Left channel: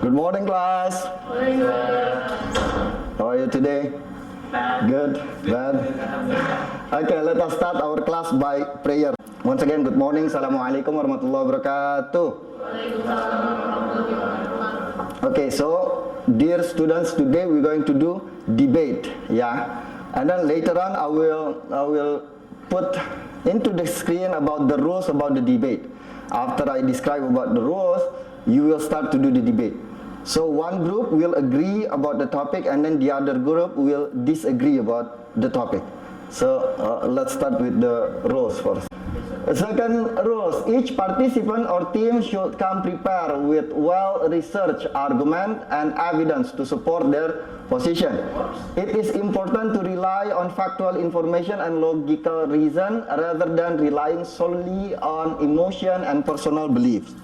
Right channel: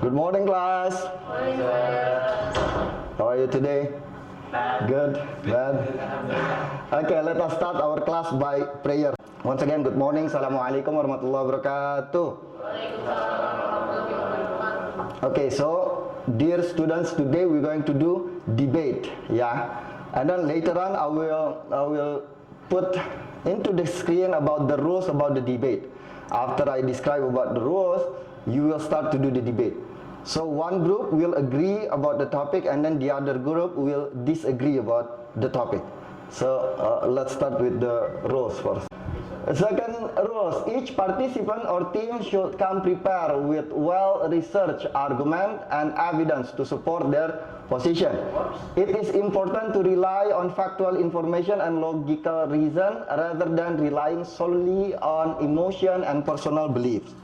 Good morning, class. Morning, How are you today? Good? Bad? Okay, let us start our class by prayer. Once again, good morning. Assalamualaikum warahmatullahi wabarakatuh. Okay, so dear students, today we're going to do debate, yeah. And then later on, I will put into the screen about the rules about the debate. After I describe about the rules, you will start to do the debate. So one group will agree about the topic, and then the other group will disagree about the topic. So let's start with the rules first. Second rules, each participant or team should come prepared with well-researched argument and evidence to support their position. It is important to rely on factual information and logical reason rather than relying solely on emotion and personal beliefs.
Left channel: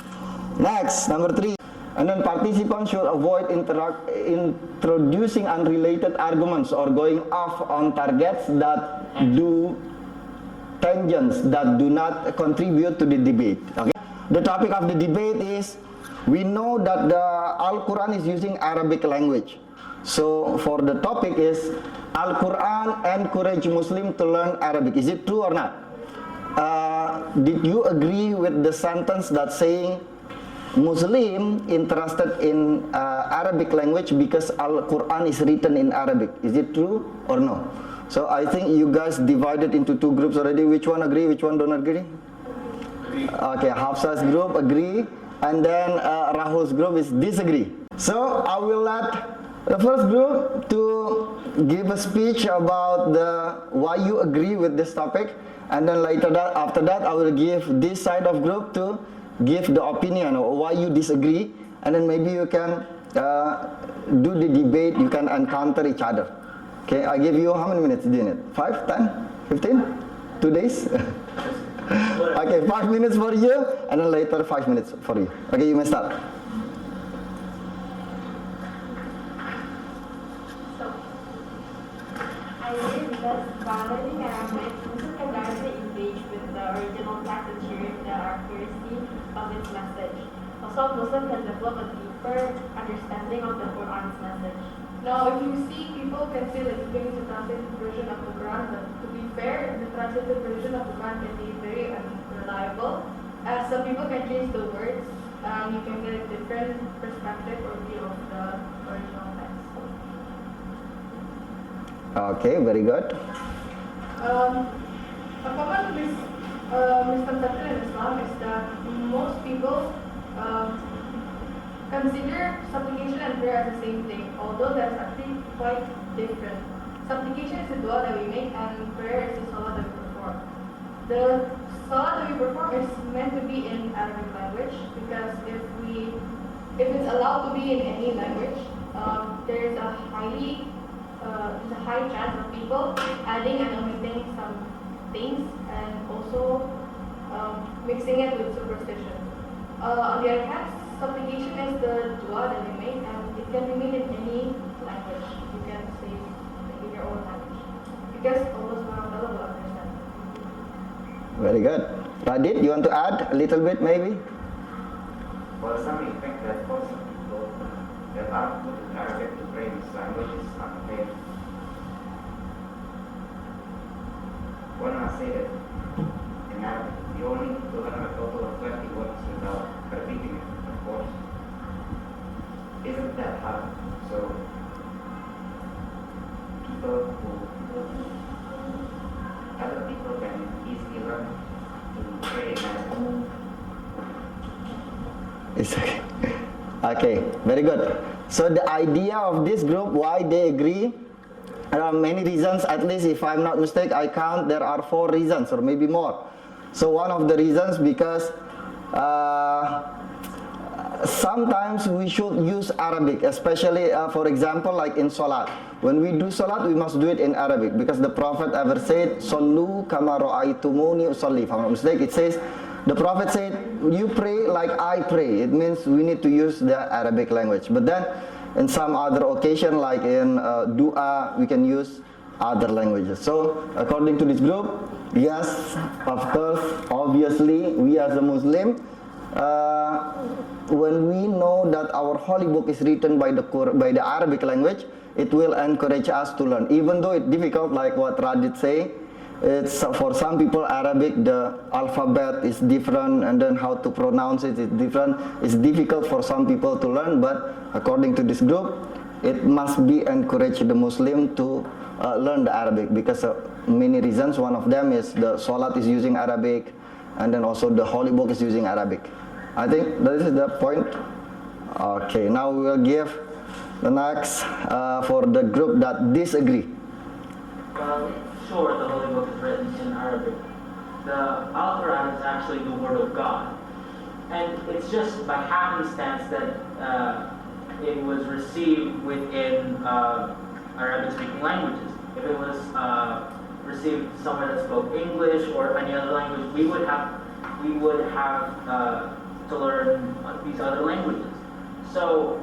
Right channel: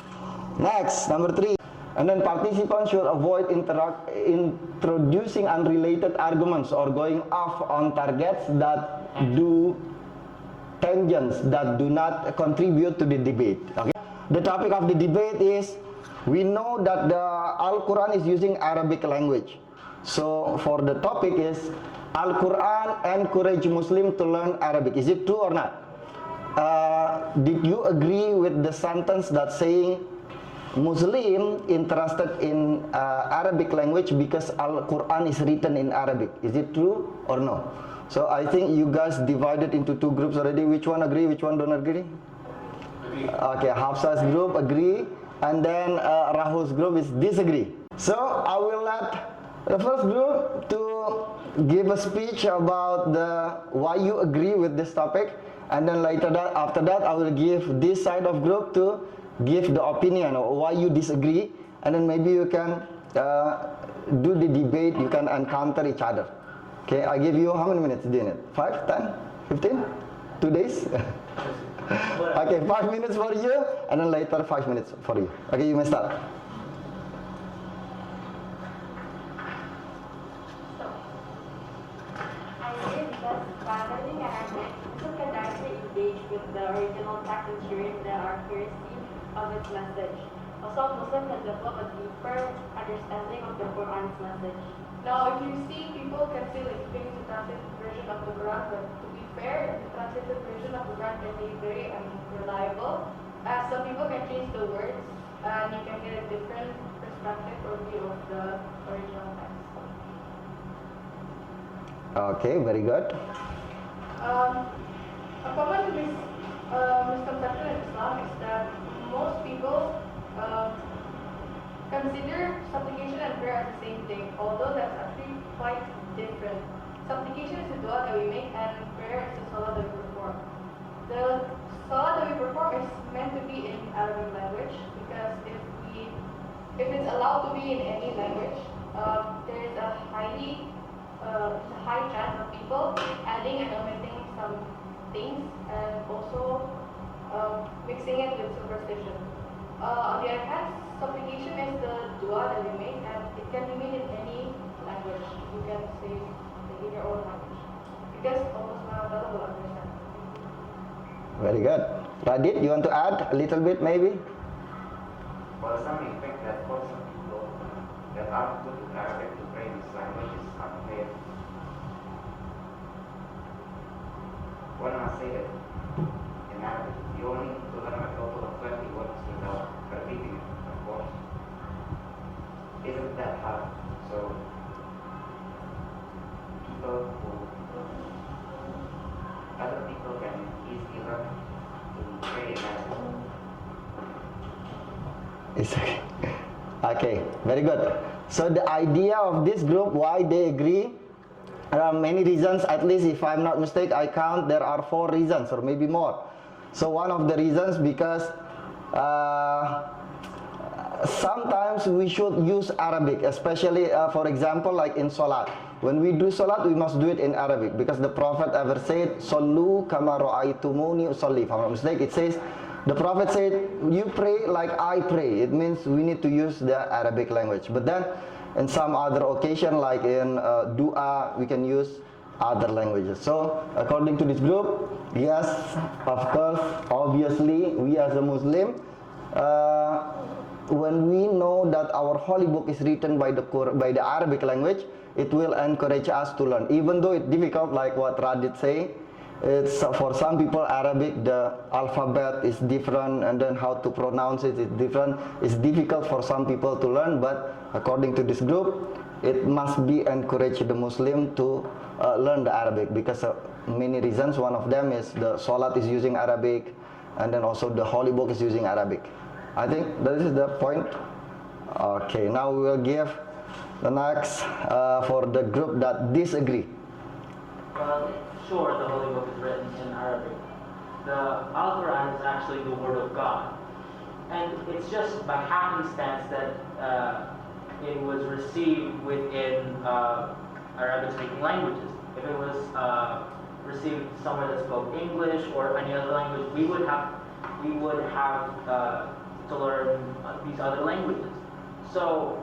Next, number 3. And then participants should avoid introducing unrelated arguments or going off on targets that do tangents that do not contribute to the debate. Okay. The topic of the debate is, we know that the Al-Quran is using Arabic language. So for the topic is, Al-Quran encourage Muslim to learn Arabic. Is it true or not? Did you agree with the sentence that saying Muslim interested in Arabic language because Al-Quran is written in Arabic? Is it true or no? So I think you guys divided into two groups already. Which one agree, which one don't agree? Okay, Hafsa's group agree, and then Rahul's group is disagree. So I will let the first group to give a speech about why you agree with this topic, and then after that I will give this side of group to give the opinion or why you disagree, and then maybe you can do the debate, you can encounter each other. Okay, I give you how many minutes doing it? 5, 10, 15? 2 days? Okay, 5 minutes for you, and then later 5 minutes for you. Okay, you may start. I agree because by learning Arabic, Muslim can directly engage with the original text and share the accuracy of its message. Also, Muslim can develop a deeper understanding of the Quran's message. Now, if you see, people can say like going to translate the version of the Quran, but to be fair, the translated version of the Quran can be very unreliable, as some people can change the words, and you can get a different perspective or view of the original text. Okay, very good. A common misconception in Islam is that most people consider supplication and prayer as the same thing, although that's actually quite different. Supplication is the dua that we make, and prayer is the salah that we perform. The salah that we perform is meant to be in Arabic language, because if it's allowed to be in any language, there is a high chance of people adding and omitting some things, and also mixing it with superstition. On the other hand, supplication is the dua that we make, and it can be made in any language. You can say like in your own language, because Allah subhanahu wa ta'ala will understand. Very good. Radit, you want to add a little bit maybe? For some effect that for some people that are good in Arabic to pray in this language is unfair. When I say that in Arabic, you only need to learn a total of 20 words without repeating it, of course. Isn't that hard? So, other people can easily learn to pray in Arabic. It's okay. Okay, very good. So the idea of this group, why they agree, there are many reasons. At least if I'm not mistaken, I count there are 4 reasons or maybe more. So one of the reasons, because sometimes we should use Arabic, especially for example like in Salat. When we do Salat, we must do it in Arabic, because the Prophet ever said, Sallu kama ra'aytumuni usalli. If I'm not mistaken, it says, the Prophet said, you pray like I pray. It means we need to use the Arabic language. But then in some other occasion, like in dua, we can use other languages. So according to this group, yes, of course, obviously, we as a Muslim when we know that our holy book is written by the Arabic language, it will encourage us to learn. Even though it's difficult, like what Radit say, it's for some people Arabic, the alphabet is different, and then how to pronounce it is different. It's difficult for some people to learn, but according to this group, it must be encourage the Muslim to learn the Arabic, because many reasons. One of them is the Salat is using Arabic, and then also the holy book is using Arabic. I think that is the point. Okay, now we will give the next for the group that disagree. Well, sure, the Holy Book is written in Arabic. The Al-Quran is actually the Word of God. And it's just by happenstance that it was received within Arabic-speaking languages. If it was received somewhere that spoke English or any other language, we would have to learn these other languages. So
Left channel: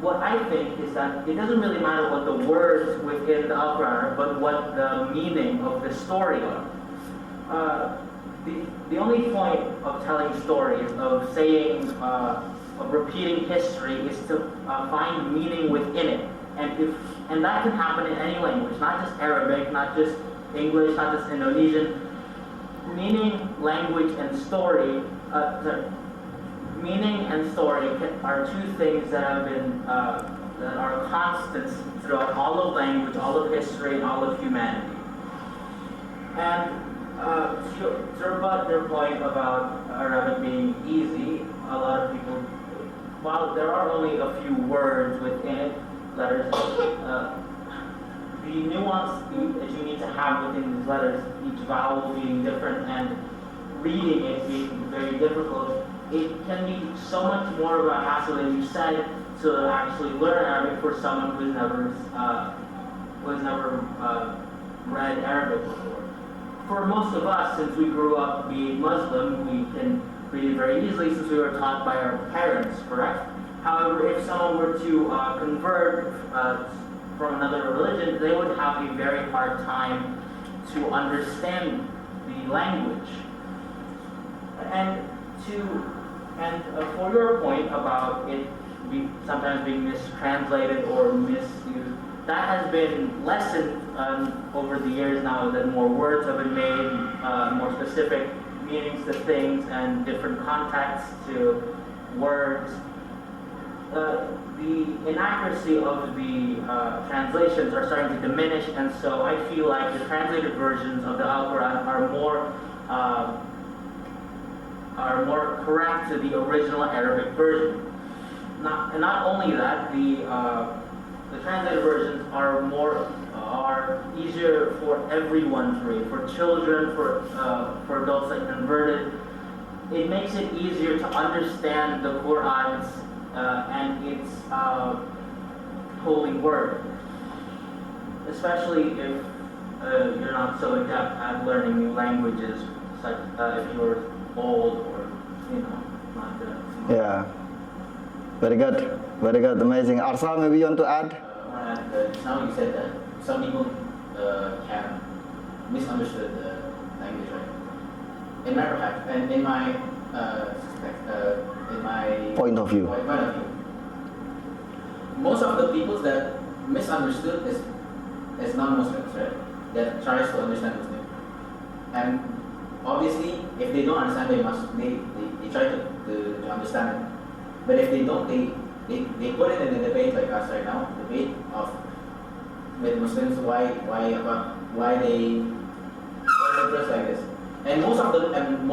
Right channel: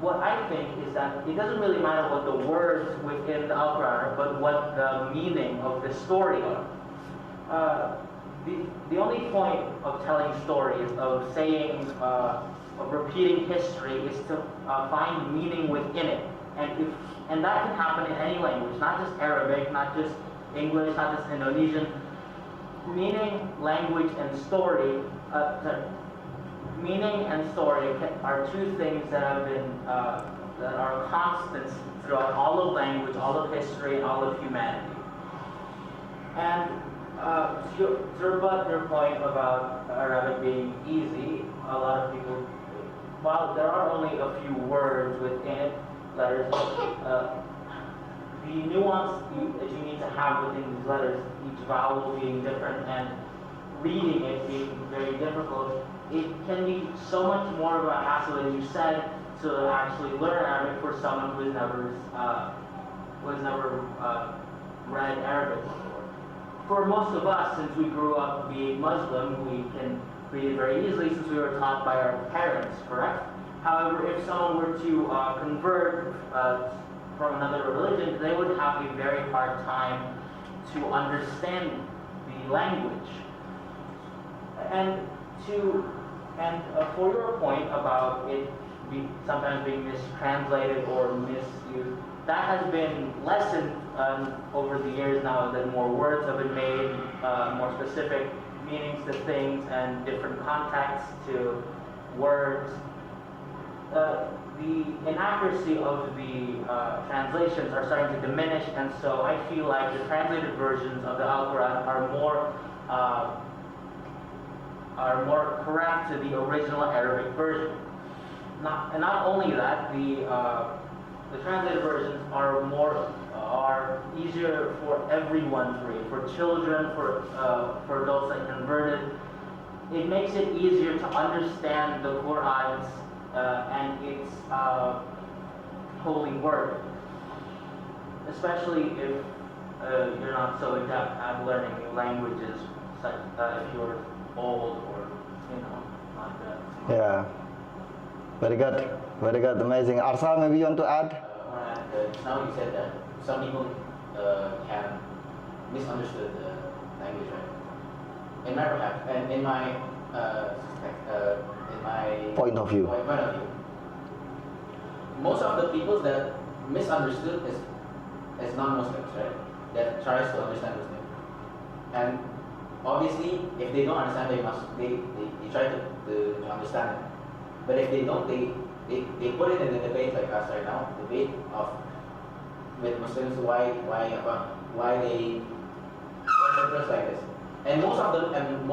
what I think is that it doesn't really matter what the words within the Al-Quran are, but what the meaning of the story are. The only point of telling stories, of saying, of repeating history, is to find meaning within it. And that can happen in any language, not just Arabic, not just English, not just Indonesian. Meaning, language, and story, meaning and story are two things that have been that are constants throughout all of language, all of history, and all of humanity. And to rebut their point about Arabic being easy, a lot of people, while there are only a few words within it, letters, the nuance that you need to have within these letters, each vowel being different and reading it being very difficult, it can be so much more of a hassle than you said to actually learn Arabic for someone who's never read Arabic before. For most of us, since we grew up being Muslim, we can read it very easily since we were taught by our parents, correct? However, if someone were to convert from another religion, they would have a very hard time to understand the language. And for your point about it sometimes being mistranslated or misused, that has been lessened over the years now that more words have been made, more specific meanings to things and different contexts to words. The inaccuracy of the translations are starting to diminish, and so I feel like the translated versions of the Al-Quran are more correct to the original Arabic version. Not only that, the translated versions are easier for everyone to read, for children, for adults that converted. It makes it easier to understand the Quran's and its holy word, especially if you're not so adept at learning new languages, such if you're old or not good. Yeah, very good, amazing. Arsal, maybe you want to add? Now you said that some people have misunderstood the language, right? In my Point of view. Most of the people that misunderstood is non-Muslims, right? That tries to understand Muslim, and obviously, if they don't understand, they try to understand it. But if they don't, they put it in a debate like us right now, debate with Muslims why they dress like this. And most of them,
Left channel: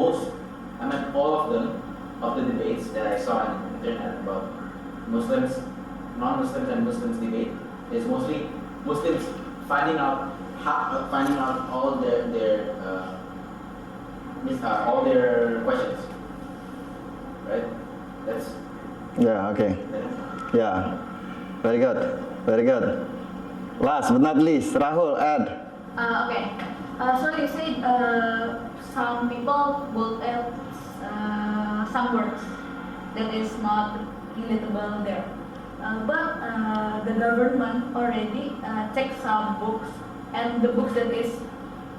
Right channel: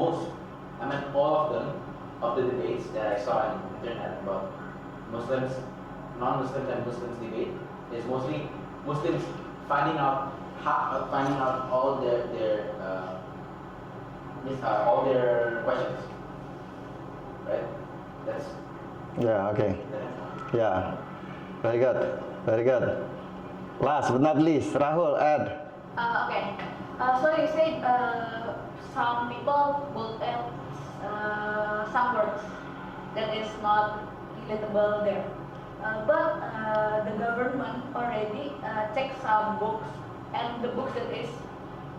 all of them, of the debates that I saw on the internet about Muslims, non-Muslims and Muslims debate is mostly Muslims finding out all their questions, right? That's Okay. Yeah, very good. Last but not least, Rahul, add. Okay. So you said some people will add some words that is not relatable there. But the government already checked some books, and the books that is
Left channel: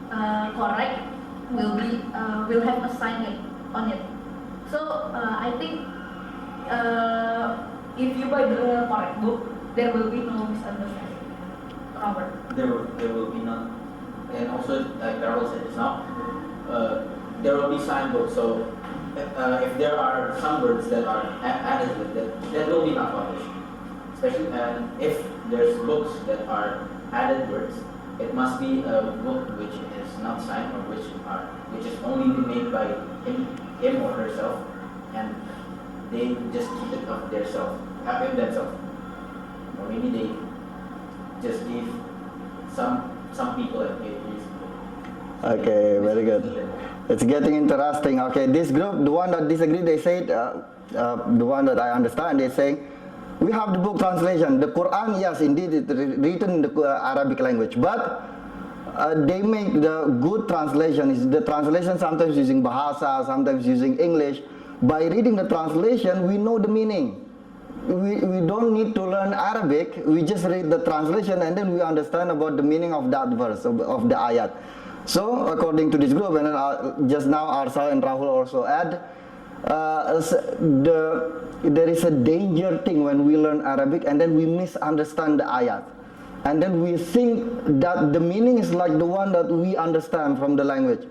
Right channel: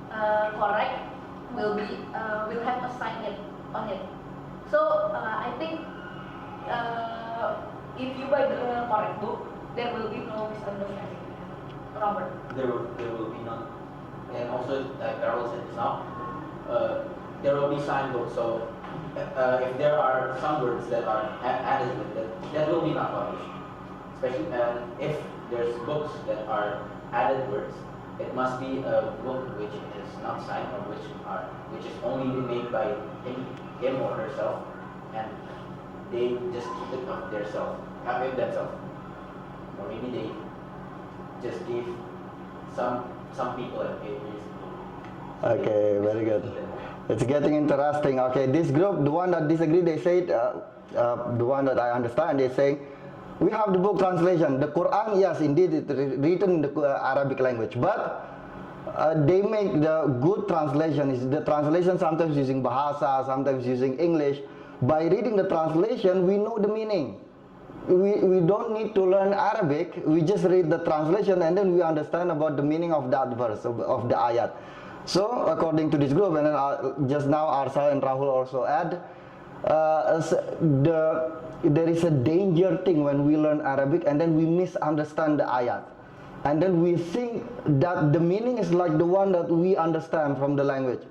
correct will have a sign on it. So I think if you buy the correct book, there will be no misunderstanding. Robert. There will be none. And also, like Carol said just now, there will be signboards. So if there are some words that are added with it, that will be not published. Especially if there's books that are added words, it must be a book which is not signed or which is only made by him or herself, and they just keep it of themselves. Or maybe they just give some people a page. Okay, very good. It's getting interesting. Okay, this group, the one that disagree, they said, the one that I understand, they say, we have the book translation. The Quran, yes, indeed, it's written in the Arabic language, but they make the good translation. Is the translation sometimes using Bahasa, sometimes using English. By reading the translation, we know the meaning. We don't need to learn Arabic. We just read the translation and then we understand about the meaning of that verse, of the ayat. So, according to this group, and then just now Arsal and Rahul also add, there is a danger thing when we learn Arabic and then we misunderstand the ayat. And then we think that the meaning is like the one that we understand from the language.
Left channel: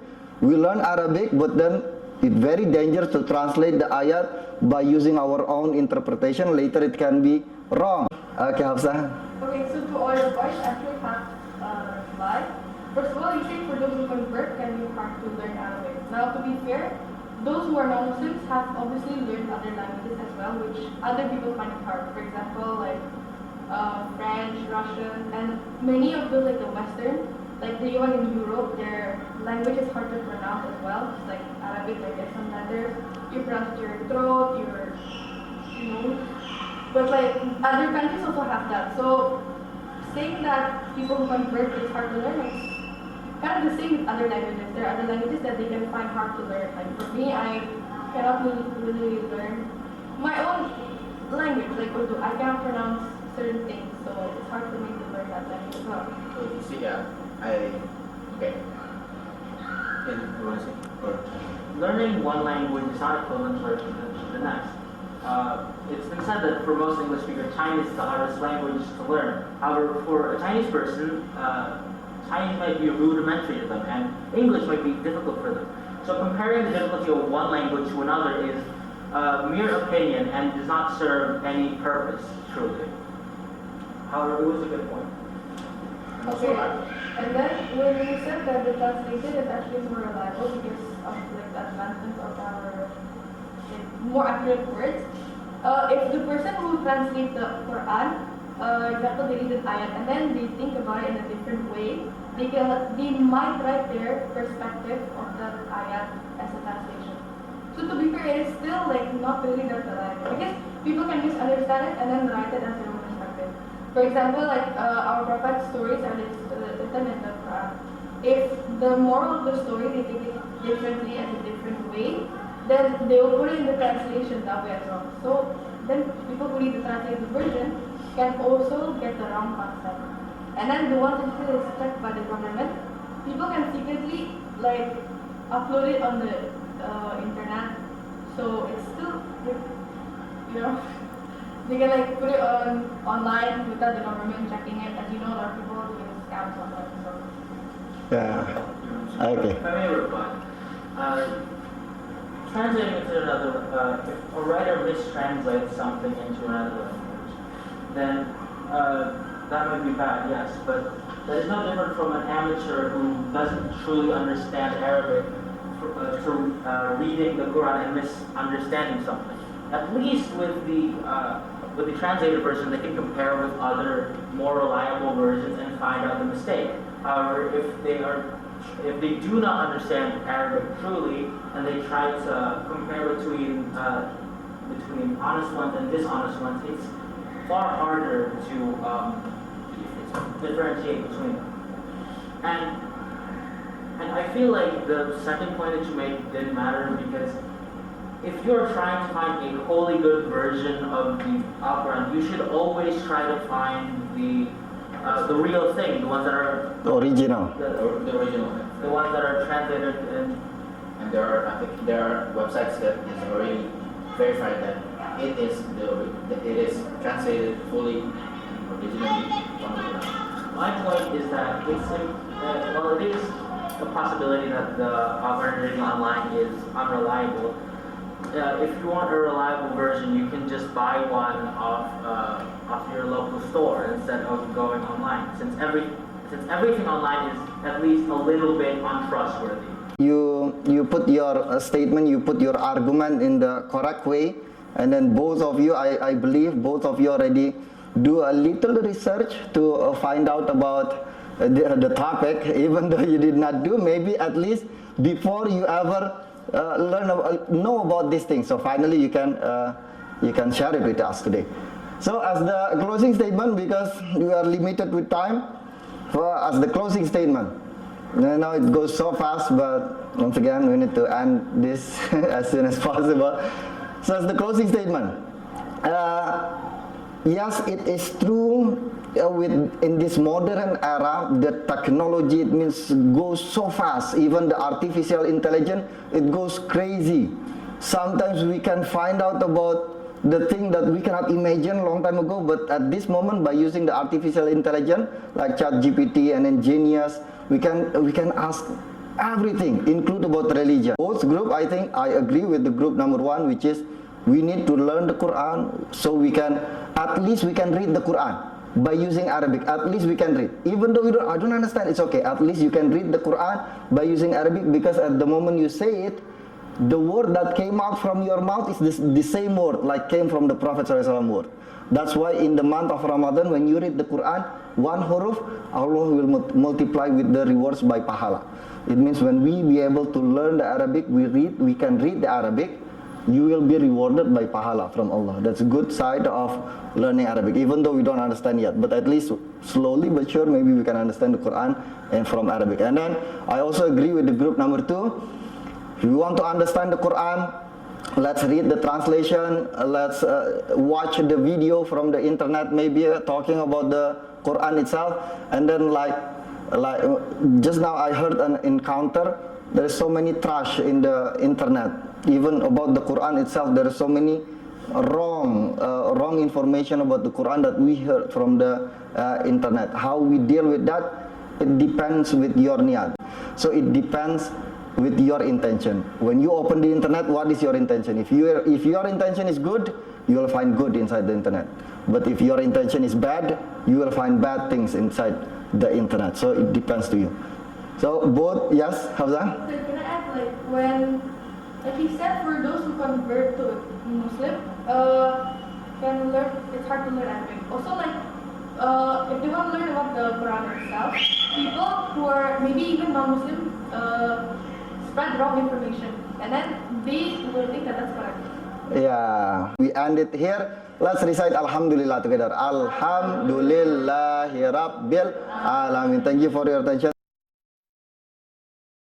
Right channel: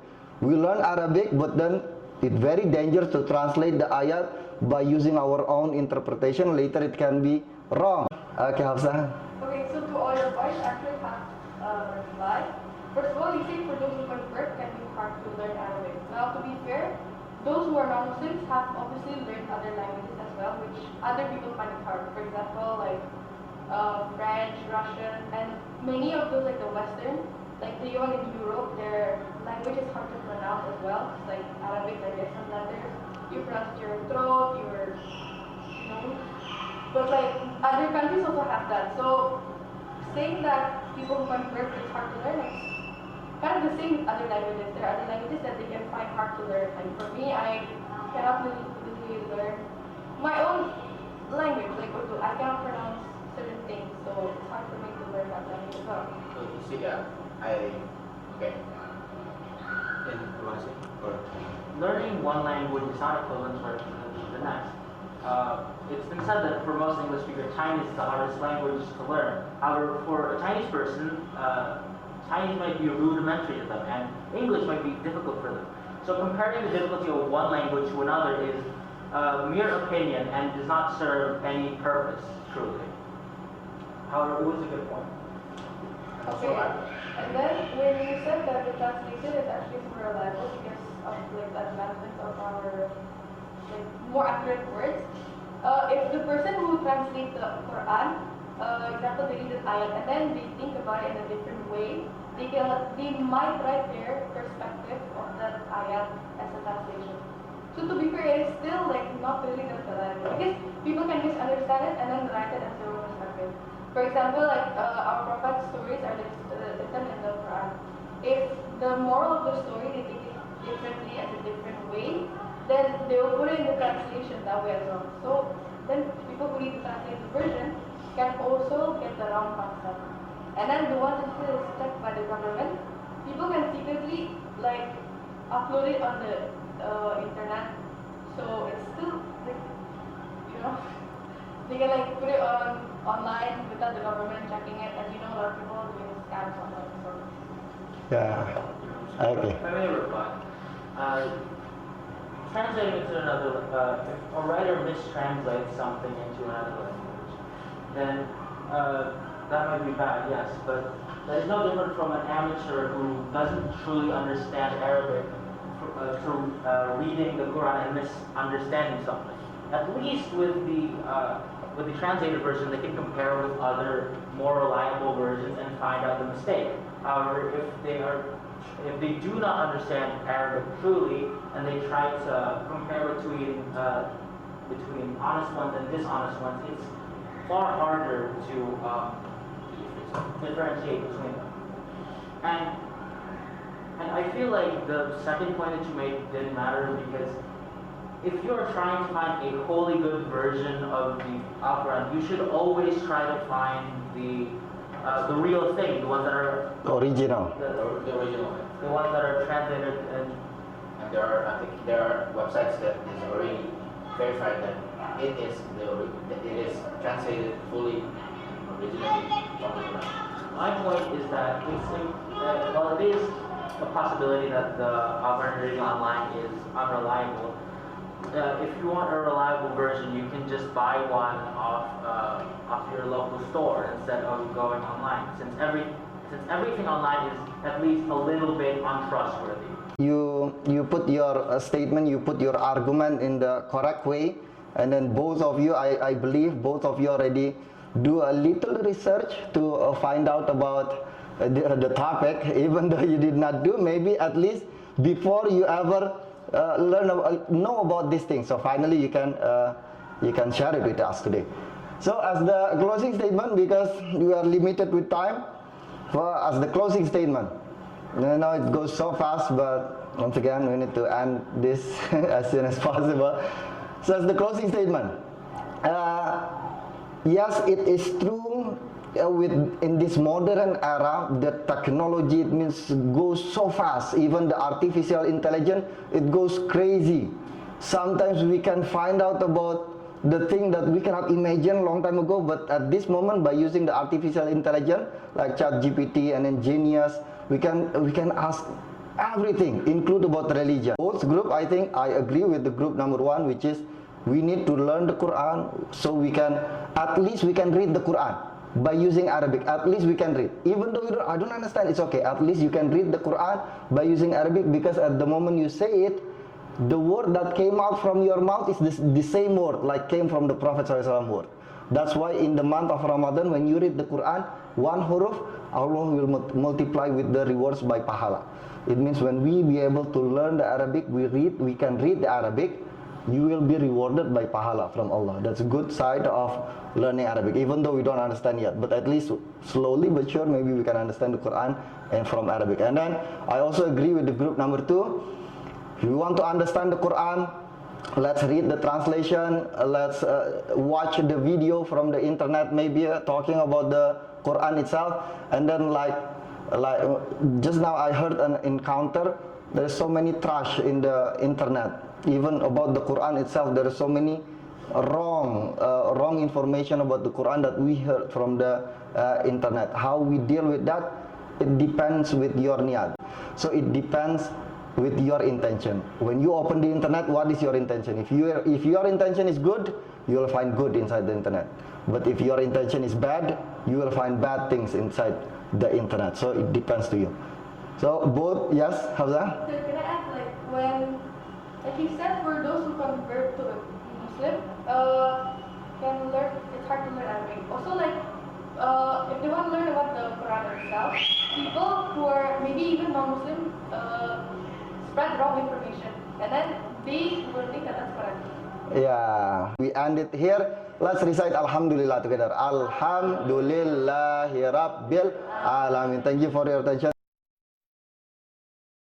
We learn Arabic, but then it's very dangerous to translate the ayat by using our own interpretation. Later it can be wrong. Okay, Hafsah. Okay, so to all your points, I actually have a reply. First of all, you say for those who convert, can be hard to learn Arabic. Now, to be fair, those who are non-Muslims have obviously learned other languages as well, which other people find it hard. For example, like French, Russian, and many of those, like the Western, like the one in Europe, their language is hard to pronounce as well. It's like Arabic, like there's some letters you pronounce your throat, but like other countries also have that. So saying that people who convert it's hard to learn, it's kind of the same with other languages. There are other languages that they can find hard to learn. Like for me, I cannot really learn my own language, like Urdu. I cannot pronounce certain things, so it's hard for me to learn that language as well. So you see, okay. You want to say? Or? Learning one language is not equivalent to the next. It's been said that for most English speakers, Chinese is the hardest language to learn. However, for a Chinese person, Chinese might be rudimentary to them, and English might be difficult for them. So comparing the difficulty of one language to another is mere opinion and does not serve any purpose, truly. However, it was a good point. Okay, and then when you said that the translation is actually more reliable because of like the advancements of our like, more accurate words, if the person who translates the Quran, example they read an ayat and then they think about it in a different way, they might write their perspective of that ayat as a translation. So to be fair, it is still like not really that reliable because people can misunderstand it and then write it as their own perspective. For example, like our prophet's stories are written in the Quran. If the moral of the story they take it differently as a different way, then they will put it in the translation that way as well. So then people who read the translated version can also get the wrong concept. And then the one that is checked by the government, people can secretly like upload it on the internet. So it's still like, they can like put it online without the government checking it. As you know, a lot of people are doing scams online. So. Yeah. Okay. If I may reply. Translating it to another, if a writer mistranslates something into another language, then that might be bad, yes, but that is no different from an amateur who doesn't truly understand Arabic to reading the Quran and misunderstanding something. At least with the translated version, they can compare with other more reliable versions and find out the mistake. However, if they do not understand Arabic truly and they try to compare between honest ones and dishonest ones, it's far harder to differentiate between them. And I feel like the second point that you made didn't matter because if you're trying to find a wholly good version of the Quran, you should always try to find the real thing, the ones that are Original. The original. the ones that are translated and and I think there are websites that is already verified that it is translated fully and originally from the Quran. My point is that well, it is a possibility that the version online is unreliable. If you want a reliable version, you can just buy one off your local store instead of going online. Since everything online is at least a little bit untrustworthy. You put your statement, you put your argument in the correct way, and then both of you, I believe both of you already do a little research to find out about the topic, even though you did not do, maybe at least before you ever know about these things. So finally you can share it with us today. So as the closing statement, because we are limited with time, as the closing statement, now it goes so fast, but once again we need to end this as soon as possible. So as the closing statement, yes, it is true. In this modern era, the technology, it means, goes so fast. Even the artificial intelligence, it goes crazy. Sometimes we can find out about the thing that we cannot imagine a long time ago, but at this moment, by using the artificial intelligence like ChatGPT and then Genius, we can ask everything, include about religion. Both group, I think I agree with the group number one, which is we need to learn the Quran so at least we can read the Quran. By using Arabic, at least we can read. Even though I don't understand, it's okay. At least you can read the Quran by using Arabic, because at the moment you say it, the word that came out from your mouth is the same word like came from the Prophet ﷺ word. That's why in the month of Ramadan, when you read the Quran, one huruf, Allah will multiply with the rewards by pahala. It means when we be able to learn the Arabic, we can read the Arabic, you will be rewarded by pahala from Allah. That's a good side of learning Arabic, even though we don't understand yet. But at least slowly but sure, maybe we can understand the Quran and from Arabic. And then I also agree with the group number two. If you want to understand the Quran, let's read the translation. Let's watch the video from the internet, maybe talking about the Quran itself. And then like just now I heard an encounter. There is so many trash in the internet. Even about the Quran itself, there is so many wrong information about the Quran that we heard from the internet. How we deal with that, it depends with your niyat. So it depends with your intention. When you open the internet, what is your intention? If your intention is good, you will find good inside the internet. But if your intention is bad, you will find bad things inside the internet. So it depends to you. So both, yes, Hafzah? So can I ask, like he said, for those who convert to a Muslim, can learn, it's hard to learn Arabic. Also, if they want to learn about the Quran itself, people who are maybe even non-Muslim spread wrong information, and then they will think that that's correct. Yeah, we end it here. Let's recite Alhamdulillah together. Alhamdulillahi Rabbil Alamin. Thank you for your attention.